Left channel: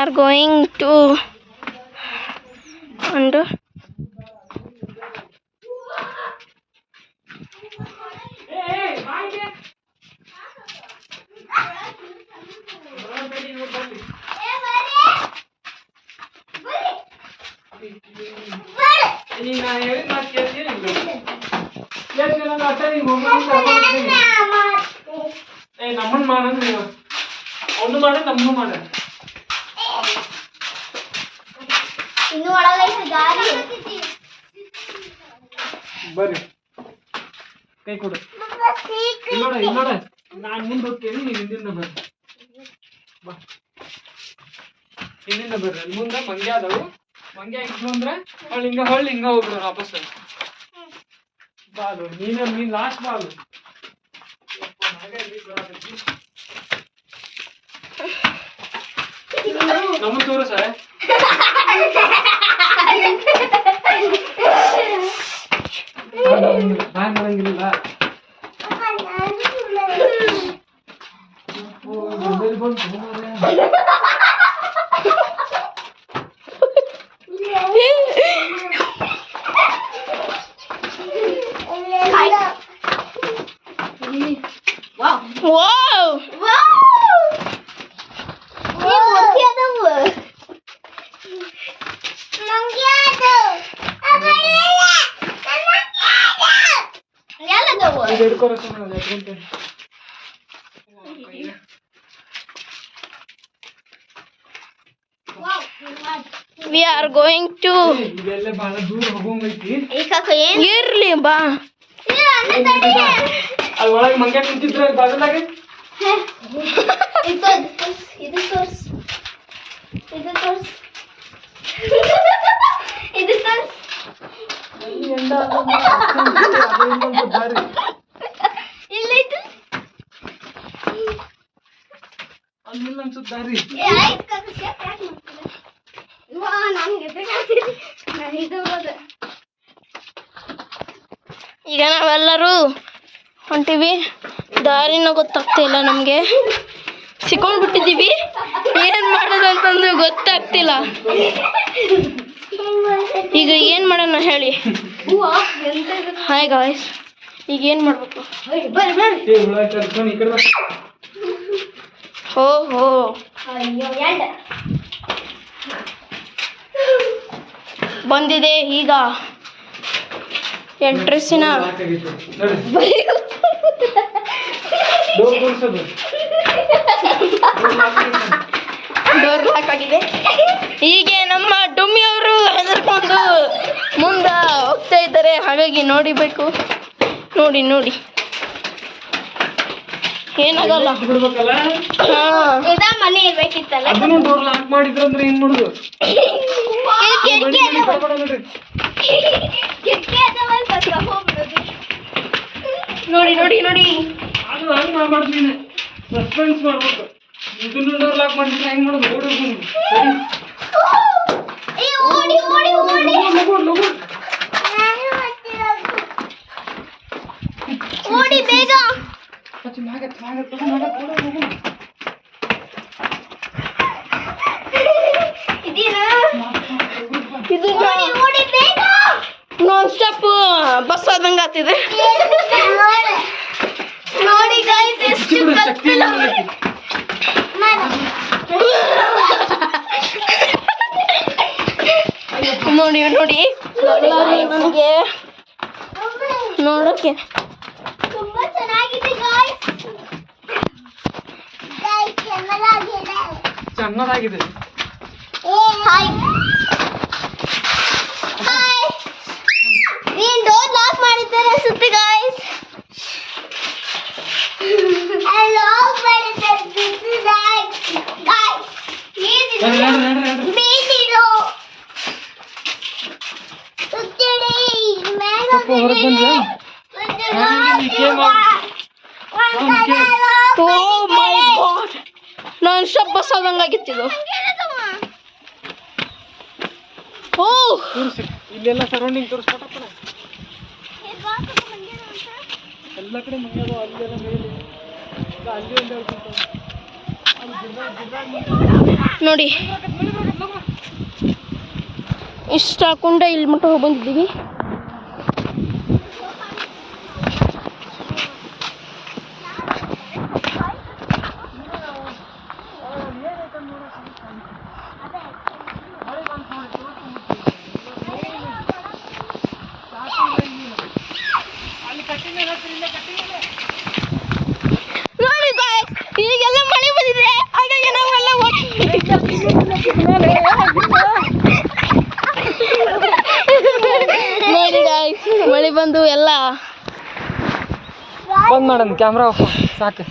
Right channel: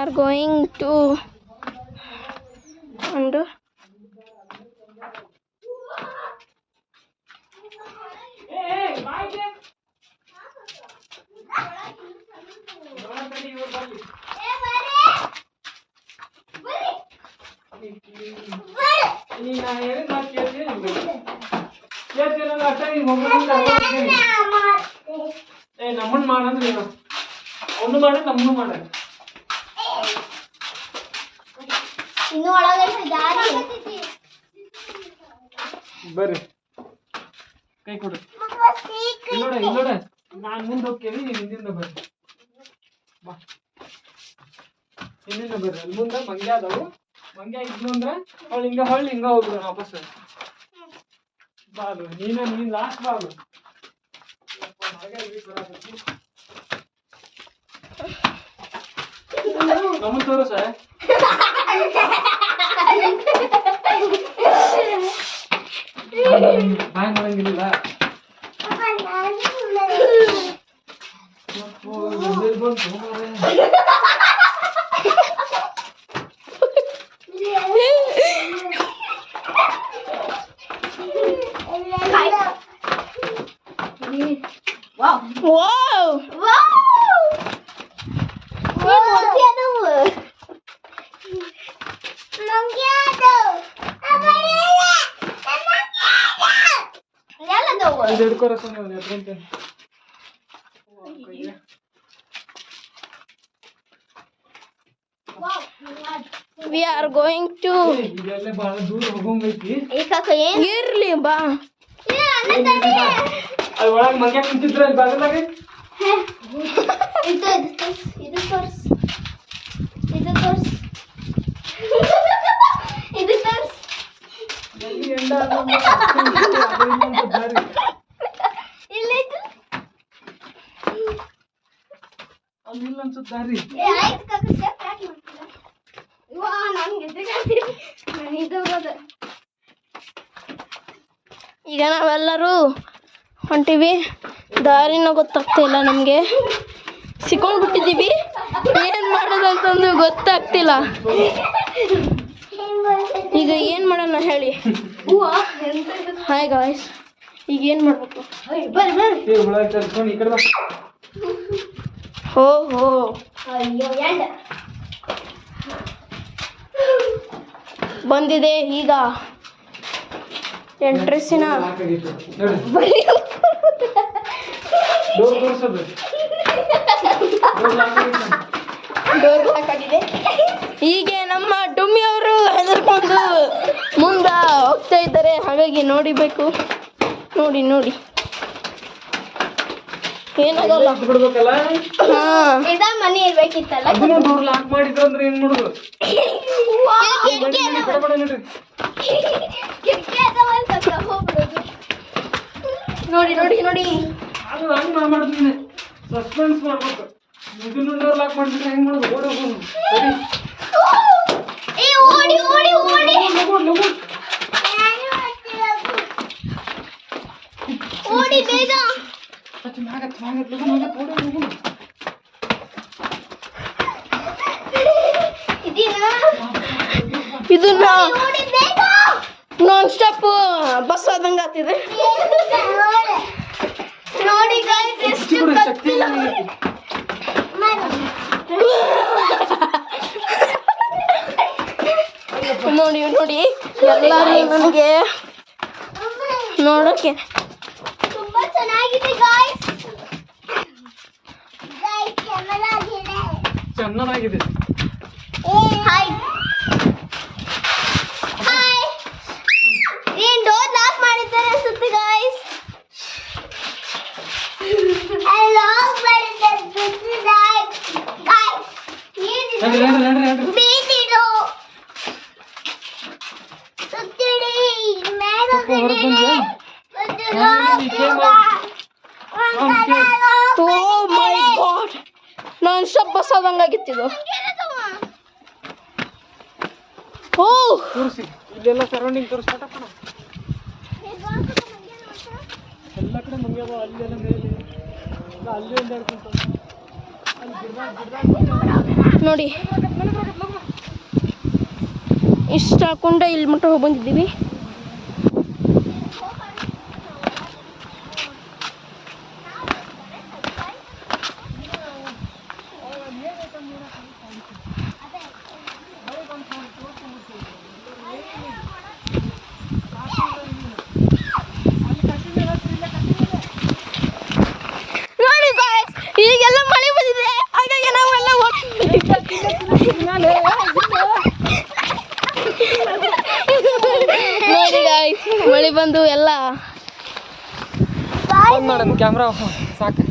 are going to and ನಮ್ಮನ್ ಮಾಡಂದ್ರೆ ಅವನು ಮಾಡ ನಮ್ಮನ್ನು ಮಾಡ ಇನ್ನು ಒಳಗೈತೆ ದಾರಿ ಬರ್ರಿ ಕೈ ಕೊಡು ಇಲ್ಲೋಡ ನಾನು ಮುಂದೆ ಹೋಗ್ತೇನೆ ನೀವು ಹಿಂದಿಂದ ಬರ್ರಿ ಬಾ ಹಿಂದಿಂದ ಬರ್ರಿ ಅಲ್ಲಿ ಮುಂದೆ ಮಂಗ್ಯ ಅದಾವು ಮಂಗ್ಯ ಇದ್ವು ಅಂದ್ರೆ ಹೊಳ್ಳಿ ಹಿಂಗ ಹೋಗ್ಬಿಡ ವಾಪಸ್ ಬಾ ಅದು ನೀನು ಲಾಸ್ಟ್ ಬಾ ಅದು ನಮ್ಮನ್ನು ತೋರಿಸ ಬಾಯ್ ಮಾಡಂಗಿಲ್ಲ wow we are going to ಇರ್ಲಿ ಬಾ ಅದ್ರೊಳಗೆ ಮಂಗ್ಯ ಕುಂತಿದ್ರ ಬಾಗಲಾಗೆ ಇದು ತೋರ್ಸ್ ಅಲ್ಲಿಲ್ಲ ಅನ್ಸುತ್ತಾರಿ ಈಗ ನಾವೆಲ್ಲರೂ ಹೊಂಟಿವಿ ದಾರಿನ ಗೊತ್ತಾಗ್ತಾ ಇಲ್ಲ ನಮಗೆ ಸಿಕ್ಕೊಂಡ್ಬಿಟ್ಟಿದ್ದೀವಿ ಏನು ಮಾಡೋದು ಅಂತಂದು ಗೊತ್ತಾಗ್ತಿಲ್ಲ ಈಗ ಏನು ಮಾಡೋಣ ಹೇಳಿ ಹಾಯ್ ಗಾಯ್ಸ್ ಈಗ ಏನು ಮಾಡಬೇಕು ಓಹೋ ಬಂದಿದೆ ಈಗ ಎಂಟ್ರೆಸ್ಸಿನ ಡೋರ್ ಲಾಕ್ ಆಗಿದೆ. ಹೀಗೆ ನಮ್ಮ ಡುಮ್ಮಿ ಅವರು ಹೆದರ್ಕೊಂಡು ಮುಂದೆ ಹೋಗ್ತಾ ಇದ್ದಾರೆ, ಹಾಗಾಗಿ ನೋಡಿಬೇಕು. ನೋಡಿ ಏನಾಗಲ್ಲ. ಮನೆ ಇರ್ಬೇಕಿತ್ತಲ್ಲ. ಡೋರ್ ಲಾಕ್ ಮಾಡಿದ್ರೆ ಏನ್ ಮಾಡುದು? ನೋಡಿ ಅದು ಹಂಗೆ ಮಾಡ್ತೀನಿ, ಸಸ್ಪೆನ್ಸ್ ಮಾಡ್ಬೇಕು. ಇದನ್ನು ಡೋರ್ ಲಾಕ್ ಮಾಡಿದ್ರೆ ಹೆಂಗ್ ಮಾಡೋದು? ಓಡಿ ಬೇಗ. ಇದು ನಾನ್ ಸ್ಟಾಪ್ ಬಸ್ ಆದಂಗ ಆಗ್ತಿದೆ. ನೋಡಿ ಗೈಸ್ ಎಷ್ಟು ಕತ್ತಲ. ನೋಡಿ ನನಗೆ ನೋಡಕ್ಕೆ ತುಂಬಾ ಚೆನ್ನಾಗಿದೆ ಗೈಸ್. ಚೆನ್ನಾಗಿದೆ. ಹಾಯ್ ನೀನ್ ಡೋರ್ ಲಾಕ್ ಮಾಡಿದ್ದಾರೆ ಅನ್ಸುತ್ತೆ ಗೈಸ್. ಲಾಕ್ ಮಾಡಿದ್ದಾರೆ ಗೈಸ್. ಬೀದಿರೋ ಸುತ್ತಿಡಿ ಮೇಲೆ ಓ ಮೈ ಗಾಡ್, ನಾನ್ ಸ್ಟಾಪ್ ಬಸ್ ಆದಂಗಾಗಿತ್ತಿದು. ಓ ಇಲ್ಲೆಲ್ಲ ಸರೌಂಡಿಂಗ್ ತೋರಿಸ್ಕೊಟ್ಟಪ್ಪ. ಎಲ್ಲ ಕಡೆ ಮಂಗ್ಯಾದ, ಅಲ್ಲೆಲ್ಲ ಮೇಲೆ ಅಲ್ಲಿ ಒಂದು ನೋಡಿ ಇಷ್ಟ ಹಾಕೊಂಡ ಇಲ್ಲಿ ಮಟ್ಟ ಹೋಗಿ ಬಂದಿದ್ದೀವಿ. ನೋಡಿ guys, ಈಗೆಲ್ಲ ಮಳೆ ಬಂದಿದೆ, ಹಾಗಾಗಿ ನಾವೆಲ್ಲ ನೋಡಿ guys, ಮಳೆ ಬಂದು ಎಲ್ಲ ಬಂದ್ ಮಾಡೋಣ ಕ್ಯಾಮ್ರಾ ಸಾಕು.